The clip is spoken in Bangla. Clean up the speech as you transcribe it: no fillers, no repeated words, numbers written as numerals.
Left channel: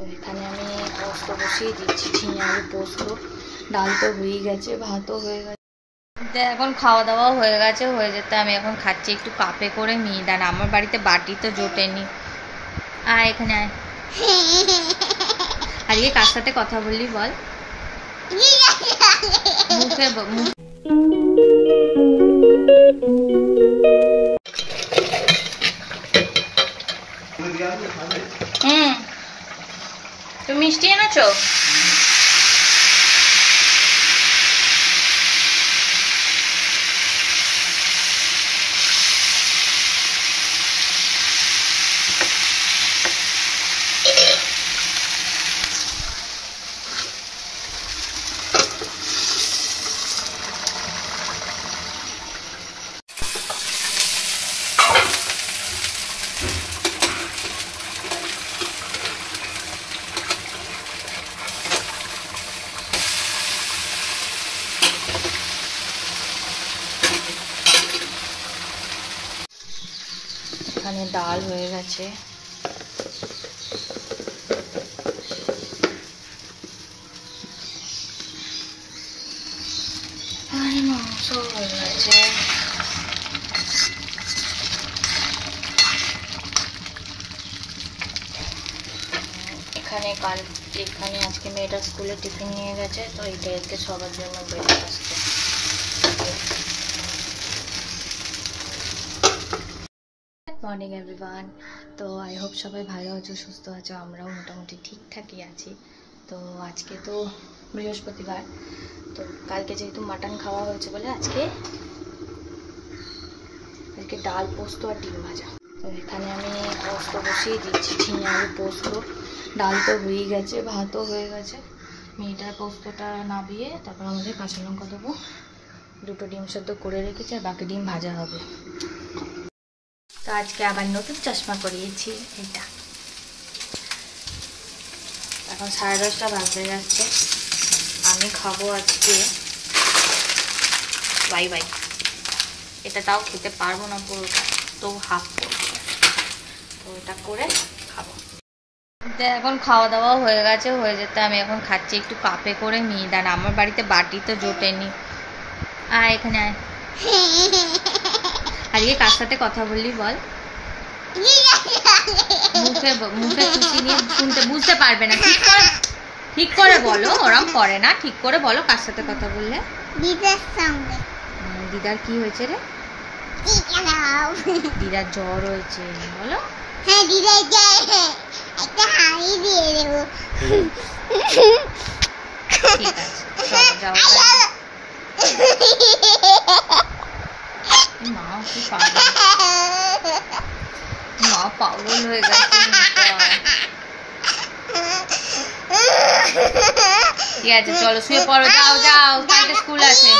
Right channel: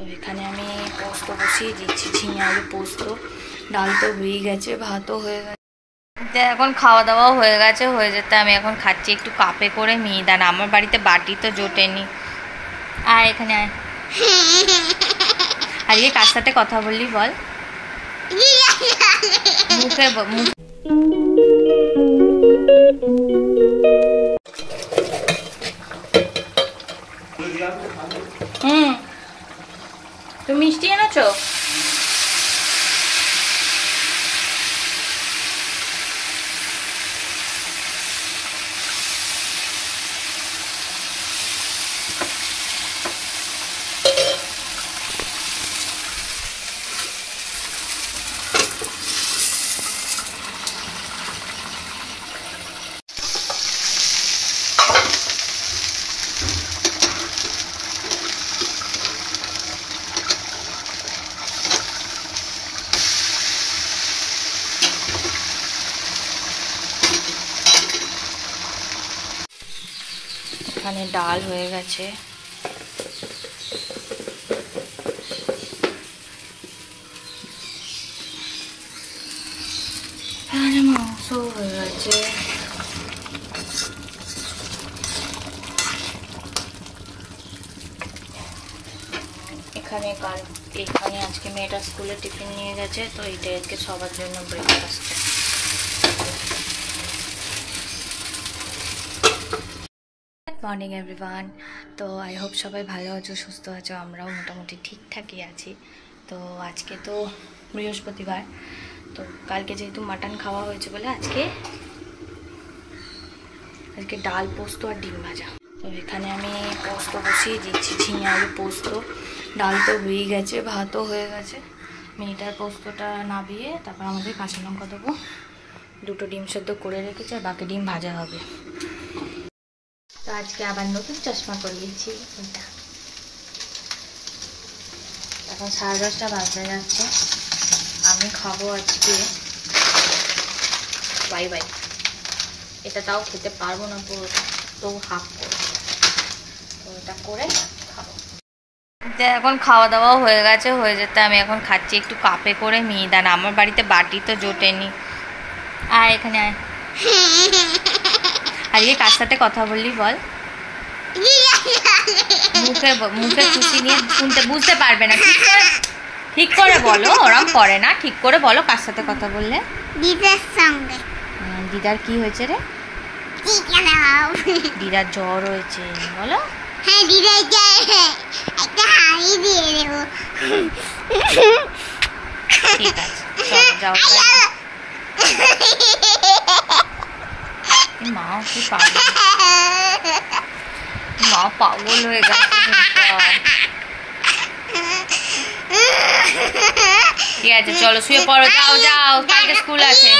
তো এখানে আমি পোস্ত বসিয়ে দিচ্ছি, ঝিঙে আলু পোস্ত। ডাল তো হয়ে গেছে, ভাতও হয়ে গেছে, এখন খাওয়া দাওয়াও হয়ে গেছে, হয়ে যেতে আমি এখন খাচ্ছি একটু কাপে করে মিহিদানা। আমার বাড়িতে বাটি তো জোটেনি। আয় এখানে আয়। আজকে কার সাথে কথা বললি বল? মুখে তুমি মিষ্টি এনেছো? এখানে ডাল হয়ে গেছে, এখানে মাংস হয়ে গেছে, এখানে আজকে মেয়েটা স্কুলে টিফিন নিয়ে গেছে, তো এইটাই আজকে সবার জন্য ব্রেকফাস্ট। Morning everyone. তো আই হোপ সবাই ভালো আছো, সুস্থ আছো। আমরাও মোটামুটি ঠিকঠাকই আছি। তো আজকে তো বৃহস্পতিবার, তো কালকে যেহেতু মাটন খাওয়া হয়েছে বলে আজকে ডাল পোস্ত আর ডিম ভাজা। তো এখানে আমি পোস্ত বসিয়ে দিচ্ছি, ঝিঙে আলু পোস্ত। ডাল তো হয়ে গেছে, ভাতও হয়ে গেছে। মেয়েটার পোস্তটা নাবিয়ে তারপর আমাদের কাঁচা লঙ্কা দেবো, দুটো ডিম সেদ্ধ করে রেখেছি, আর বাকি ডিম ভাজা হবে। তো আজকে আবার নতুন চশমা করিয়েছি, এটা এখন 10:30 বাজতে যাচ্ছে। আমি খাবো আজকে বাই বাই। এটা তাও খেতে পারবো না পুরোটা, তো হাফ করবো, তো এটা করে খাবো। এখন খাওয়া দাওয়াও হয়ে গেছে, হয়ে যেতে আমি এখন খাচ্ছি একটু কাপে করে মিহিদানা। আমার বাড়িতে বাটি তো জোটেনি। আয় এখানে আয়। আজকে কার সাথে কথা বললি বল? মুখে খুশি নিয়ে শুনতে বুঝতে পারবে না, ঠিক করে বলো। ওরম করে না, ঠিক করে বলো কার সাথে কথা বললে? দিদার সঙ্গে। দিদার কি হয়েছে রে? দিদার জ্বর হয়েছে বলো। হ্যাঁ দিদার জ্বর, একটা হাড়ি দিয়ে দেবো। ঠিক আছে চলো যাও। মা কি পাগল, মা পাগল হয়ে গেছে। ঠিক আছে চলো শুয়ে পড়ো, যাও যাও, কালকে স্কুল আছে।